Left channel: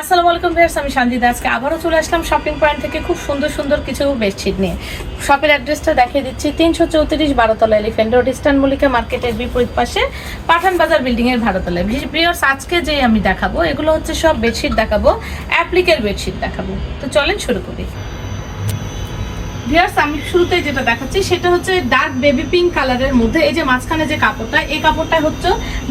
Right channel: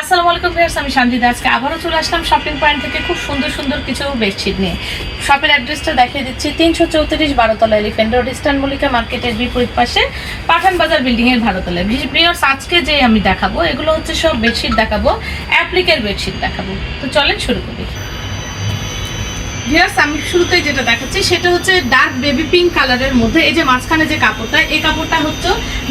আসসালামু আলাইকুম ভিউয়ার্স, আমি শান্তিদা আজকে আবারও চলে আসলাম শপিং পয়েন্ট থেকে খুব সুন্দর সুন্দর কিছু বেডশিট নিয়ে। শপের অ্যাড্রেসটা দেখিয়ে দিচ্ছি, তিনশো চৌত্রিশ বারোতলা এলিফেন্ট রোড ইস্টার্ন মল্লিকা মার্কেটের বিপরীত পাশে পাঠান বাজার বিল্ডিং এর ভারতলায়। ভিউয়ার্স, আজকে যে আমি দেখাবো, এগুলো হচ্ছে সব বেডশিট দেখাবো অ্যাপ্লিকের বেডশিট দেখাবো। তো চলেন শুরু করি। ভিউয়ার্স, আমি শুরুতেই যেটা দেখাচ্ছি, সেটা হচ্ছে ডার্ক বেবি পিঙ্ক কালারের মধ্যে, এই যে মাঝখানে যে কাপড়টা, এই কাপড়টা হচ্ছে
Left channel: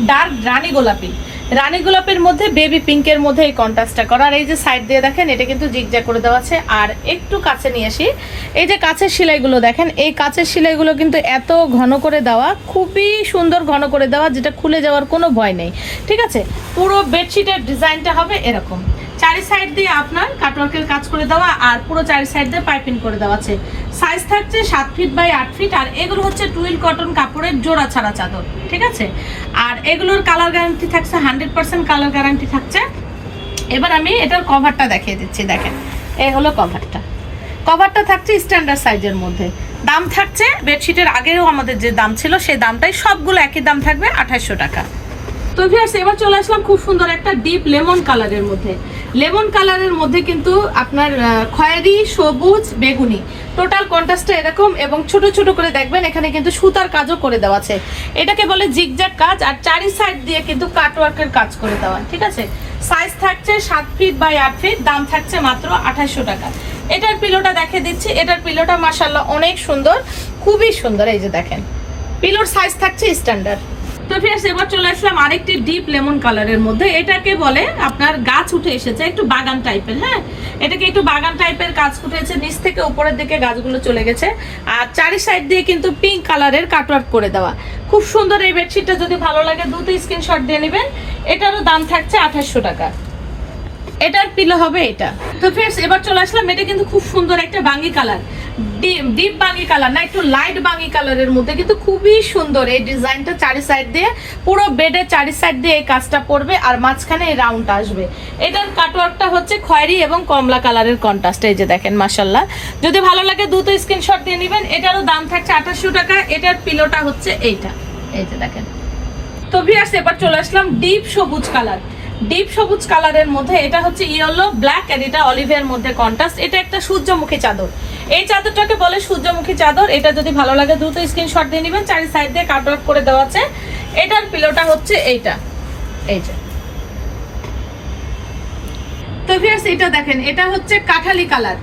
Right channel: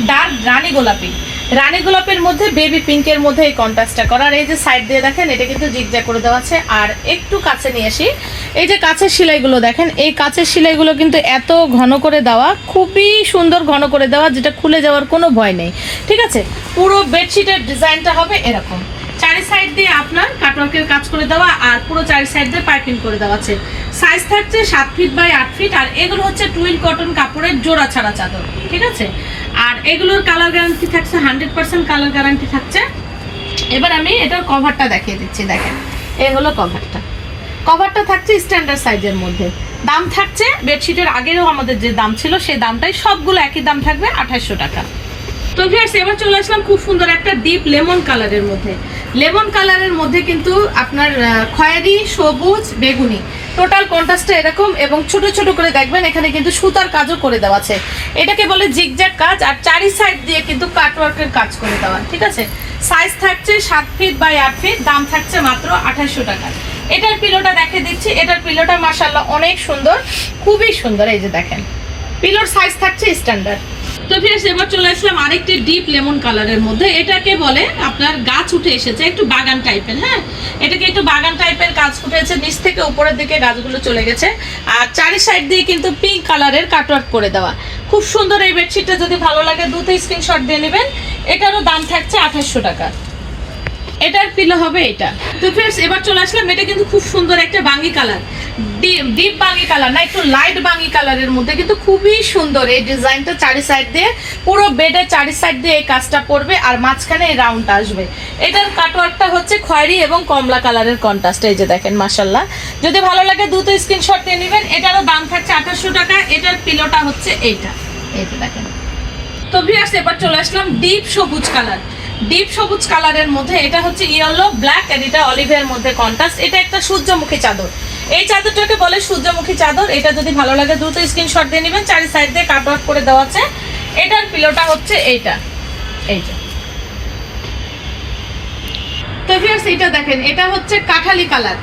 ডার্ক রানী গোলাপি। রানী গোলাপের মধ্যে বেবি পিঙ্কের মধ্যে এই কন্ট্রাস্টটা করা আর এই যে সাইড দিয়ে দেখেন, এটা কিন্তু জিগজ্যাগ করে দেওয়া আছে। আর একটু কাছে নিয়ে আসি, এই যে কাছের সেলাইগুলো দেখেন, এই কাছের সেলাইগুলো কিন্তু এত ঘন করে দেওয়া, খুবই সুন্দর ঘন করে দেওয়া, যেটা খুলে যাওয়ার কোনো ভয় নেই। ঠিক আছে? পুরো বেডশিটের ডিজাইনটা হবে এরকম। চারি সাইড দিয়ে আপনার কাটওয়ার্কের কাজ করে দেওয়া আর পুরো চারি সাইড দিয়ে পাইপিং করে দেওয়া আছে। সাইজ থাকছে সাত ফিট বাই আট ফিট আর এগুলো হচ্ছে টুইল কটন কাপড়ের জোড়া ছাড়া চাদর। ঠিক আছে? আর এগুলোর কালার গ্যারান্টি থাকছে হান্ড্রেড পার্সেন্ট কালার গ্যারান্টি থাকছে। এবার আমি এটার কভারটা দেখিয়ে দিচ্ছি, দেখেন। এ হলো কভারটা কভারটা থাকছে স্ট্যান্ডার্ড সাইজের মধ্যে। দাম থাকছে বেডশিটের আগেও আমাদের যে দাম ছিল, সেই দামটাই সবগুলো একই দাম থাকবে আঠাশশো টাকা। তো ভিউয়ার্স এবার চলে আসলাম খুব সুন্দর একটা ডিপ লেমন কালারের মধ্যে। লেমন কালারের মধ্যে কিন্তু আপনার খয়েরি, সবুজ, বেগুনি। টোটাল কন্ট্রাস্টে এরকম এবং ছোট ছোট করে দেখবেন, এখানে কিন্তু সুতার কাজও করে দেওয়া আছে। এটাকে বলে জিগজ্যাগ কাজ, আর চারি সাইড দিয়ে কিন্তু কাটওয়ার্কের কাজ করে দেওয়া, ঠিক আছে? সাইজ থাকছে সাত ফিট বাই আট ফিট দাম থাকছে মাত্র আঠাশশো টাকা। এটার পিলোটা দেখে দিচ্ছি। এটার পিলোটা মাসাল্লাহ অনেক সুন্দর, খুবই সুন্দর, এই যে দেখেন। পিলোর সাইজ থাকছে স্ট্যান্ডার্ড তো ফ্রেন্ডস এবার চলে আসলাম আরেকটি ডিপ লেমন কালারের মধ্যে। এটাকে বলে আপনার গাছ উঠে এসেছে, একটু বাগান টাইপের হ্যাঁ? এটাকে একটু বাগান টাইপের গাছ উঠেছে, নিচ থেকে উপরের দিকে গাছগুলো চলে গেছে। আর চারি সাইড দিয়ে কিন্তু পিঙ্ক কালারের কাটওয়ার্ক করে দেওয়া। খুব সুন্দর এই বেডশিটটা যদি ভালো লাগে দুতে স্ক্রিনশট দিয়ে নেবেন। এটারও দাম থাকছে আঠাশশো টাকা। এটার পিলো হবে এটা। তো ফ্রেন্ডস এবার চলে আসলাম, এটা কিন্তু খুব সুন্দর একটা বাঙ্গি কালার ডিপ বাঙ্গি কালার না একটু লাইট বাঙ্গি কালারের মধ্যে, কিন্তু খুবই সুন্দর। এই ডিজাইনটা চারি সাইড দিয়ে, পুরো বেডের চারি সাইড দিয়ে এই কাজটা পড়বে আর মাঝখানে এই রাউন্ডটা আসবে। এটার কাটওয়ার্কটা হচ্ছে খয়েরি এবং কমলা কালারের কন্ট্রাস্ট এই যে দেখেন মাসাল্লাহ যদি ভালো লাগে, দ্রুত স্ক্রিনশট দিয়ে নেবেন। এটারও দাম থাকছে আঠাশশো টাকা, এটার পিলোটা হচ্ছে এইটা। এই যে দেখেন। তো ভিয়ার্স এবার চলে আসলাম ডিপ সবুজ কালার ডিপ সবুজ কালারের মধ্যে, এটা হচ্ছে ইয়েলো ব্ল্যাক এন্ড এটা অলিভের মধ্যে কন্ট্রাস্ট এটা একটা সূর্যমুখী চাদর। এই চাদরটাকে বলে সূর্যমুখী চাদর। এটা যদি ভালো লাগে, দ্রুত স্ক্রিনশট দিয়ে নেবেন। চারি সাইড দিয়ে কাট ওয়ার্ক করে দেওয়া আছে। এটার পিলোটা হচ্ছে এইটা। এই যে। তো ভিউয়ার্স এটা দেখেন, এটা হচ্ছে কাঠালি কালার।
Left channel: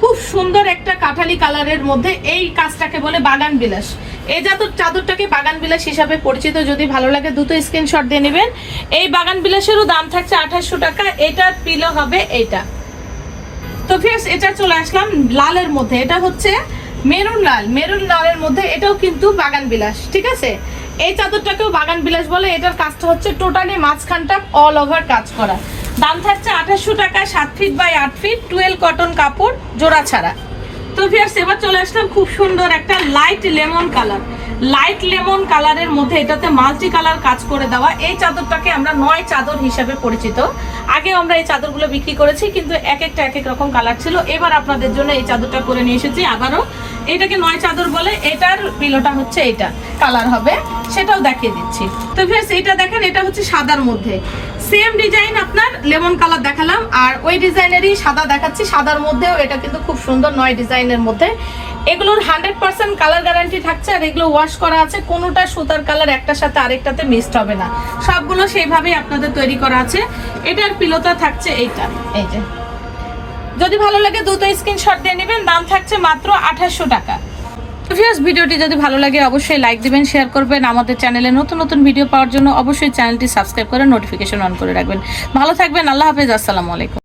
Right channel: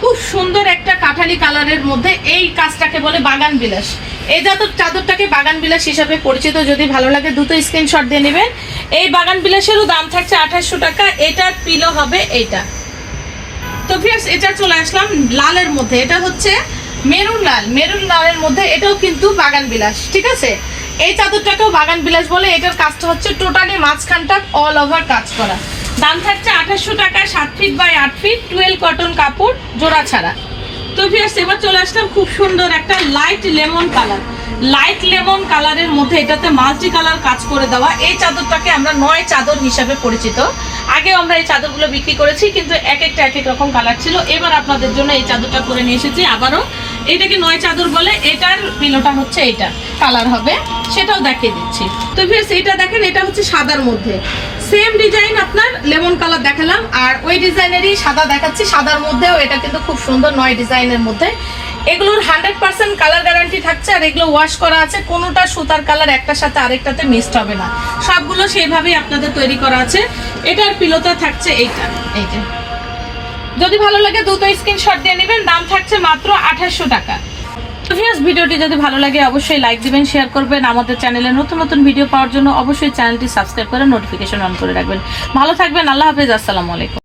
খুব সুন্দর একটা কাঠালি কালারের মধ্যে এই কাজটাকে বলে বাগান বিলাস। এই চাদর চাদরটাকে বাগান বিলাস হিসাবে পরিচিত। যদি ভালো লাগে দুটো স্ক্রিনশট দিয়ে নেবেন। এই বাগান বিলাসেরও দাম থাকছে আঠাশশো টাকা, এটার পিলো হবে এইটা। তো ফিয়ার্স এটা চলে আসলাম লালের মধ্যে, এটা হচ্ছে মেরুন লাল। মেরুন লালের মধ্যে এটাও কিন্তু বাগান বিলাস, ঠিক আছে? এই চাদরটাকেও বাগান বিলাস বলে, এটার কাজটা হচ্ছে টোটালি মাঝখানটা অল ওভার কাজ করা। দাম থাকছে আঠাশশো টাকায় সাত ফিট বাই আট ফিট টুয়েলভ কটন কাপড়, জোড়া ছাড়া। তো ফিয়ার্স এবার চলে আসলাম খুব সুন্দর একটা light lemon colour light lemon কালারের মধ্যে এটাতে মাল্টি কালার কাজ করে দেওয়া। এই চাদরটাকে আমরা নয় চাদর হিসাবে পরিচিত। আগে আমরা এই চাদরগুলো বিক্রি করেছি, কিন্তু এক একটা এক এক রকম কালার ছিল। এবার আপনাদের জন্য এই চাদরটা করে নিয়ে এসেছি আবারও। এটাকে নয় চাদর বলে, এটার পিলোটা হচ্ছে এটা কালার হবে, সেটাও দেখিয়ে দিচ্ছি। তো ফিয়ার্স এটা দেখেন, এটা হচ্ছে সাদার মধ্যে। সেম ডিজাইন আপনার লেমন কালার দেখালাম। আর ওই ডিজাইনেরই সাদা দেখাচ্ছি। সাদার মধ্যেও এটা কিন্তু খুব সুন্দর নয় ডিজাইনের মধ্যে। এগুলোর হান্ড্রেড পার্সেন্ট কালার গ্যারান্টি থাকছে আর এগুলো ওয়াশ করা আছে। কোনোটা সুতার কালার একটার সাথে আরেকটাতে মিক্সড হবে না। সবগুলো সেইভাবেই আপনাদের তৈরি করা আছে। এটার পিলোতে থাকছে এইটা। এই যে। যদি ভালো লাগে দুটো স্ক্রিনশট দিয়ে নেবেন। দাম থাকছে মাত্র আঠাশশো টাকা। ভিউয়ার্স ভিডিওটি যদি ভালো লাগে অবশ্যই লাইক দিবেন শেয়ার করবেন। আমাদের চ্যানেলে নতুন নতুন ভিডিও পাওয়ার জন্য অবশ্যই চ্যানেলটি সাবস্ক্রাইব করে নোটিফিকেশন অন করে রাখবেন। ভালো থাকবেন। আল্লাহ হাফেজ। আসসালামু আলাইকুম।